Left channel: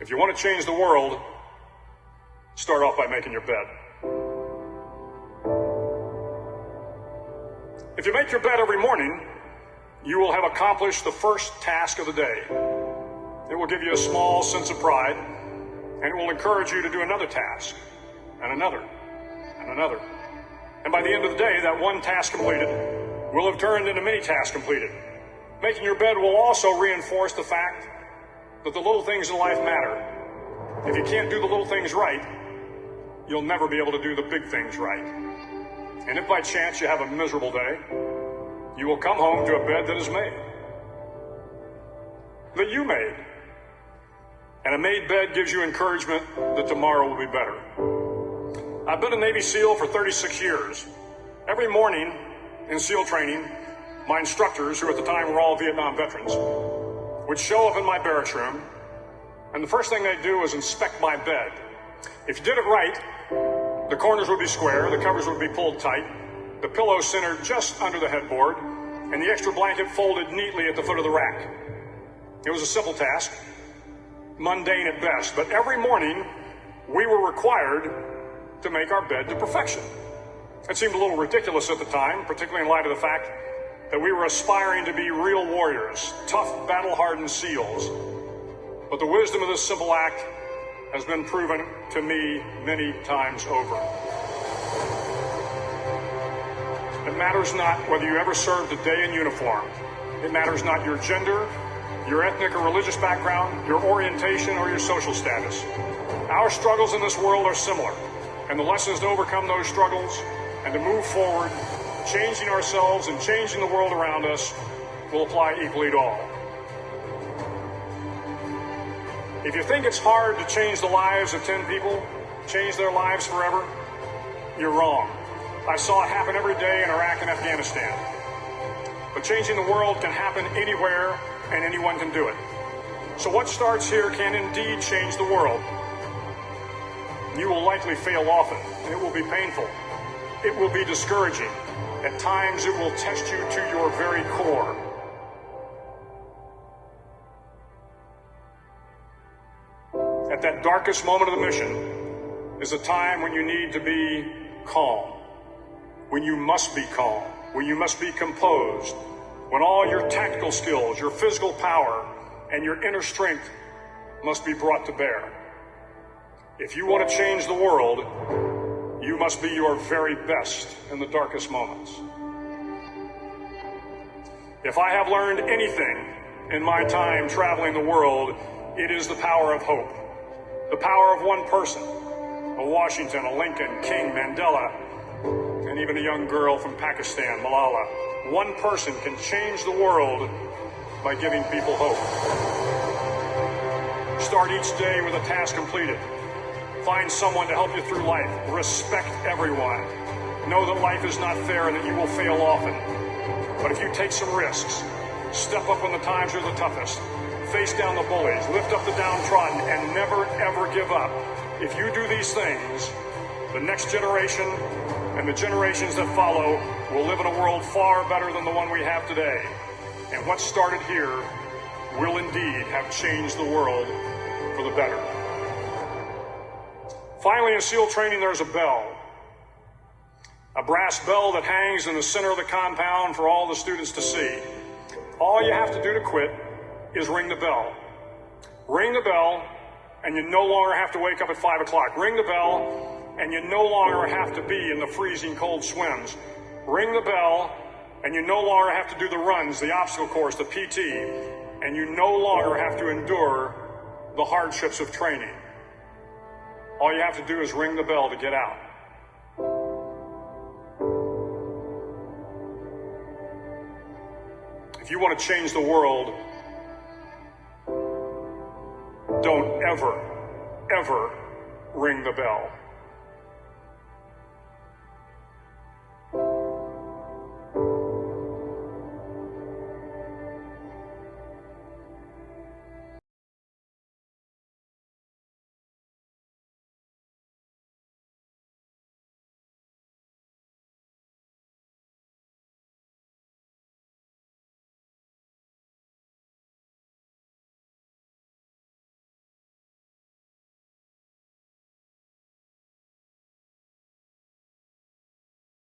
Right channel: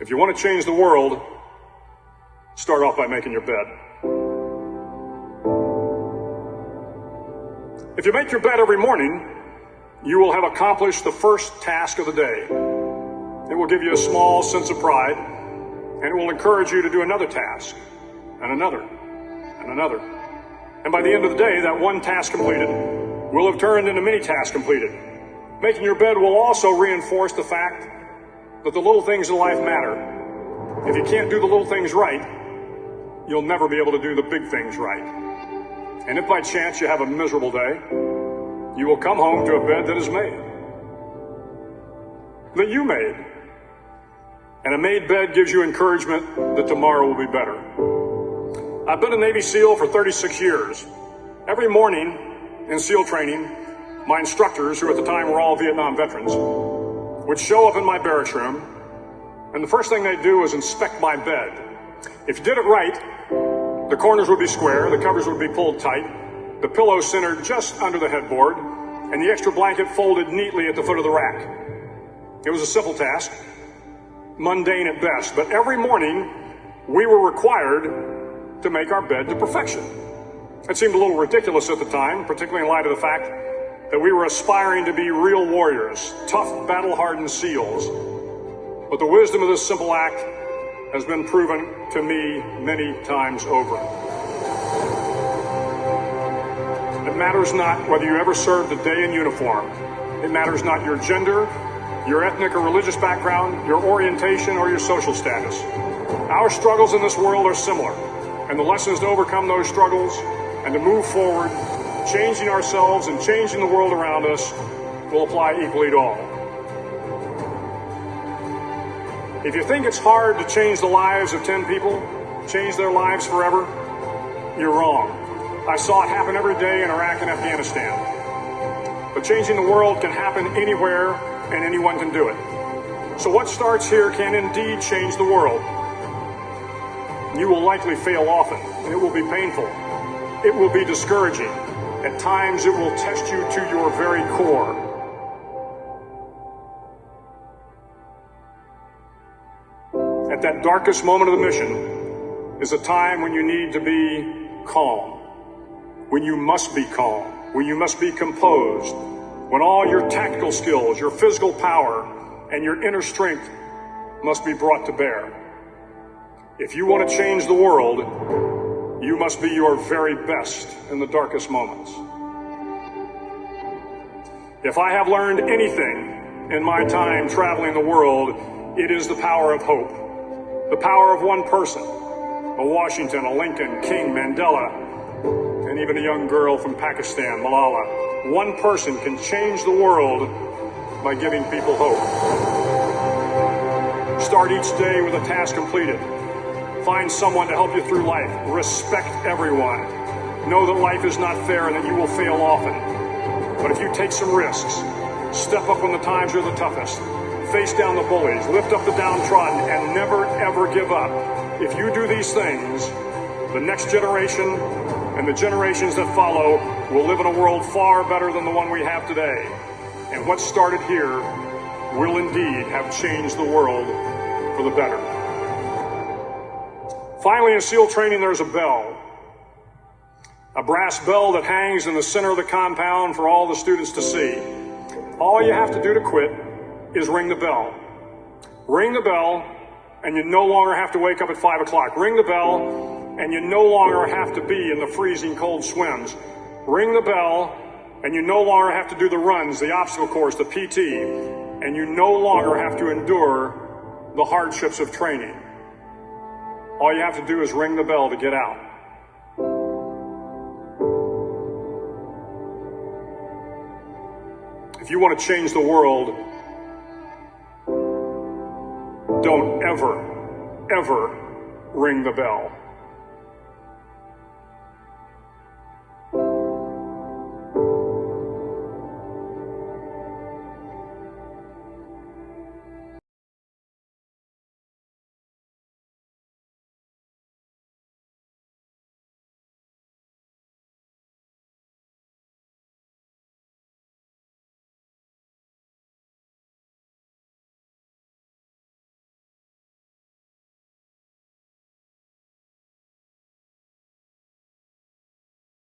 If you want to change the world, start off by making your bed. If you make your bed every morning, you will have accomplished the first task of the day. It will give you a small sense of pride, and it will encourage you to do another task, and another, and another. And by the end of the day, that one task completed will have turned into many tasks completed. Making your bed will also reinforce the fact that the little things in life matter. If you can't do the little things right, you'll never be able to do the big things right. And if by chance you have a miserable day, you will come home to a bed that is made, that you made. And a made bed gives you encouragement that tomorrow will be better. I've been a Navy SEAL for 36 years. Every morning in SEAL training, my instructors, who at the time were all Vietnam veterans, would show up in my barracks room, and the first thing they'd do is inspect my bed. If you did it right, the corners would be square, the covers would be pulled tight, the pillow centered just under the headboard, and the extra blanket folded neatly at the foot of the rack. It was a simple task, mundane at best, but every morning we were required to make our bed to perfection. It seemed a little ridiculous at the time, particularly in light of the fact that we were aspiring to be real warriors, tough, battle-hardened SEALs. But the wisdom of this simple act has been proven to me many times over. It matters not whether you ever served a day in uniform. It matters not your gender, your ethnic or religious background, your orientation, or your social status. Our struggles in this world are similar, and the lessons to overcome those struggles and to move forward, changing ourselves and changing the world around us, will apply equally to all. If you think it's hard to change the lives of 10 people, change their lives forever, you're wrong. I saw it happen every day in Iraq and Afghanistan. But changing the world can happen anywhere, and anyone can do it. So what starts here can indeed change the world. You will likely fail often, and it will be painful. It will be discouraging. At times, it will test you to your very core. At that darkest moment of the mission is a time when you need to be calm, when you must be calm, when you must be composed, when all your tactical skills, your physical power, and your inner strength must be brought to bear. If you want to change the world, you must be your very best in the darkest moments. If I have learned anything in my time traveling the world, it is the power of hope. The power of one person, a Washington, a Lincoln, King, Mandela, and even a young girl from Pakistan, Malala. One person can change the world by giving people hope. Start each day with a task completed. Find someone to help you through life. Respect everyone. Know that life is not fair and that you will fail often. But if you take some risks, step up when the times are the toughest, face down the bullies, lift up the downtrodden, and never, ever give up. If you do these things, the next generation and the generations that follow will live in a world far better than the one we have today. And what started here will indeed have changed the world for the better. Finally, in SEAL training, there's a bell. A brass bell that hangs in the center of the compound for all the students to see. All you have to do to quit is ring the bell. Ring the bell, and you no longer have to wake up at 5 o'clock. Ring the bell, and you no longer have to be in the freezing cold swims. Ring the bell, and you no longer have to do the runs, the obstacle course, the PT, and you no longer have to endure the hardships of training. All you have to do is ring the bell to get out. If you want to change the world, don't ever, ever ring the bell.